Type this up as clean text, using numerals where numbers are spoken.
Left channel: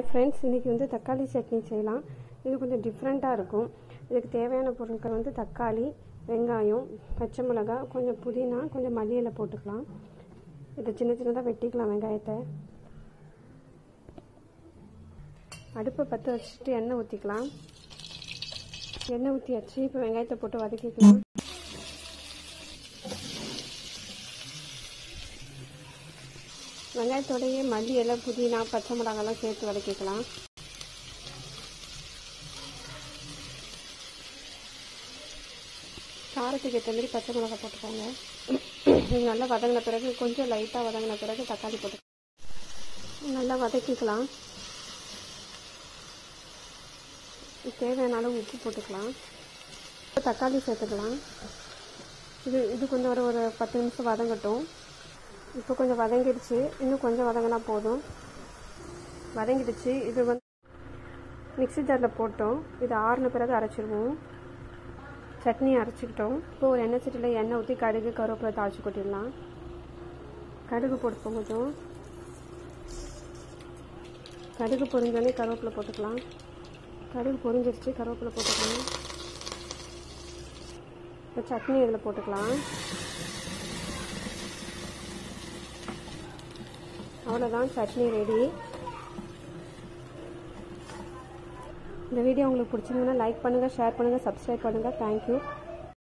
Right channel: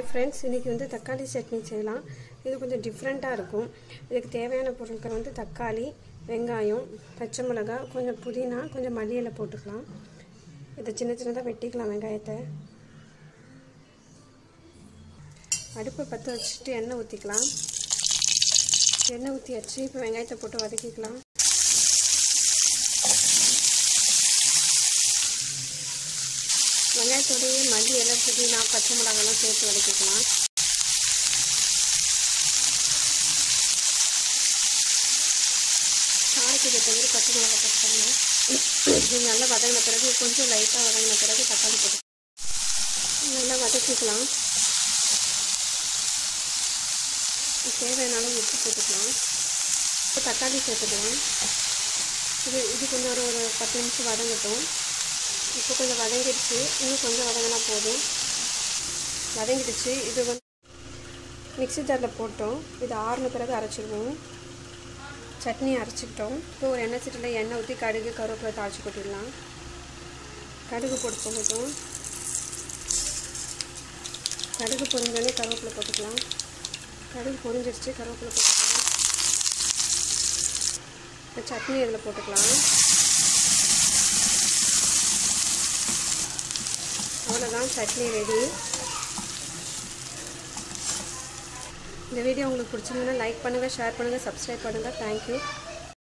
hi friends इनकी வந்து தக்காளி சட்னி செய்யலாம் இது கொஞ்சம் டிஃபரண்டா இருக்கும் இதுக்கு தேவையான பொருட்கள் வந்து தக்காளி வெங்காயம் பச்சை மிளகாய் கொஞ்சம் புதினா கொஞ்சம் மல்லி இலை போட்டுக்கலாம் இத சின்ன சின்னதா வெட்டிக்கலாம் வெங்காயத்தை அடுப்பை பத்த வச்சிட்டு எண்ணெய் ஊத்திக்கலாம் எண்ணெய் ஊத்தியாச்சு இப்போ வெங்காயத்தை போட்டு வதக்கிக்கலாம் வெங்காயத்தோடயே மல்லி இலை புதினா பச்சை மிளகாய்லாம் சேர்த்து வதக்கிக்கலாம் காரத்துக்கு ஏற்ற மாதிரி பச்சை மிளகாய் போட்டுக்கோங்க இது நல்லா வதங்கின பிறகு கொஞ்சம் லைட்டாக வதங்கின பிறகு தக்காளி போட்டு நல்லா வதக்கிக்கலாம் தேவையான அளவு உப்பு போட்டுக்கலாம் இப்போ தக்காளி சேர்த்துக்கலாம் இது கொஞ்சம் ஒரு 10 நிமிஷம் வதங்கட்டும் இப்போ கொஞ்சம் வதங்கிடுச்சு இன்னும் கொஞ்சம் வதங்கினா போதும் வதங்கிடுச்சு இது வந்து மிக்ஸி ஜாரில் போட்டோம் இது ஆறுன பிறகு அரைச்சிடுவோம் சட்னி அரைச்சிக்கிட்டோம் இப்போ ஒரு எண்ணெய் சட்டியில் எண்ணெய் ஊற்றி கடுகு கருவேப்பிலை தாளித்து கொட்டிடலாம் கடுகு போட்டு போகட்டும் கடுகு பொரிஞ்சோடனே கருவேப்பிலை போட்டுக்கலாம் கடுகு பொரிஞ்சிடுச்சு கருவேப்பிலை போட்டுக்கலாம் இப்போ சட்னி இதில் போட்டுக்கலாம் அவ்வளோதான் சட்னி ரெடி இந்த வீடியோ உங்களுக்கு பிடிச்சிருந்தா லைக் பண்ணுங்கள் ஷேர் பண்ணுங்கள் சப்ஸ்கிரைப் பண்ணுங்கள் தேங்க்யூ